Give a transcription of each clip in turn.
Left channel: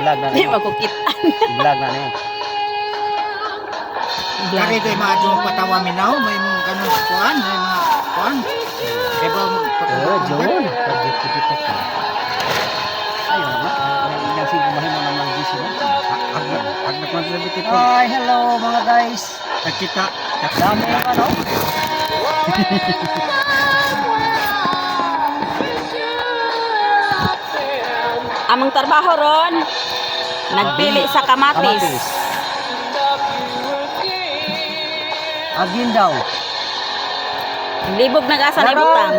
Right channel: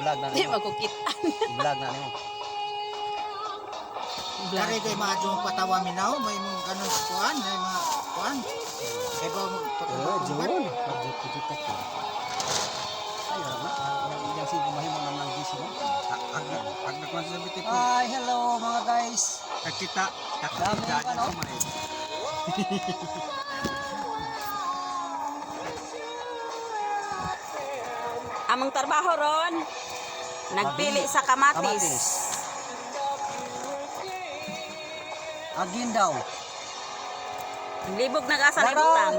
i-vlog na Di nimo. makukitaan. I-vlog na nimo. Kari kay mga yung patawa minaw, may mga ganun kuan, may mga kuan. Kaya ba John. Pagit kita ka. Ayo na. Yang sing kumahin mo nang gisi mo. Agnak man sabi ito. Hi, hello mga guys. Kita. Dami pa no? Amang trabaho ron. Nagpili sa kamatis. Agin daw. Libog nag-asa na ibutang.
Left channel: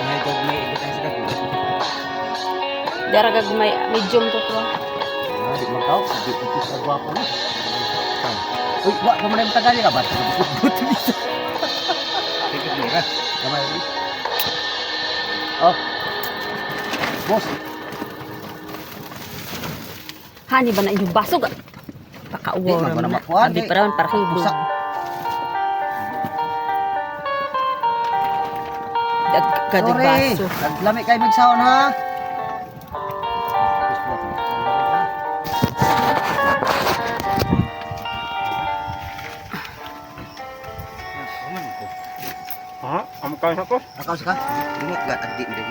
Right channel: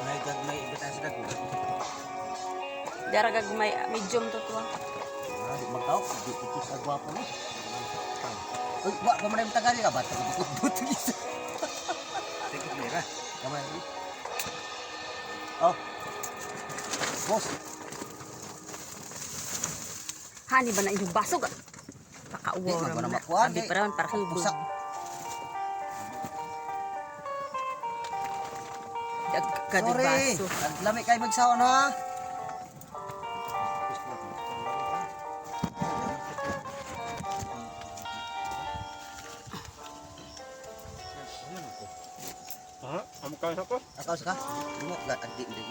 May gagmay ibutang sa dako. Daragag may medium to to. Ah, di magkaw, di ito sa gwapo ni. Uy, wa pa man ang tagali ka ba? Buto dito. Tigit mo ra. Kamay ni. Oh. Boss, Hani ba na inyong basog? Di, Pakauwaw magmana na. makuha, Sabi di. pa ron para kang Usa. Gadag baso. Naglami kay magsaon ha. Ha? Amo kain ako? Nakaw ka? Dili ka addi dili.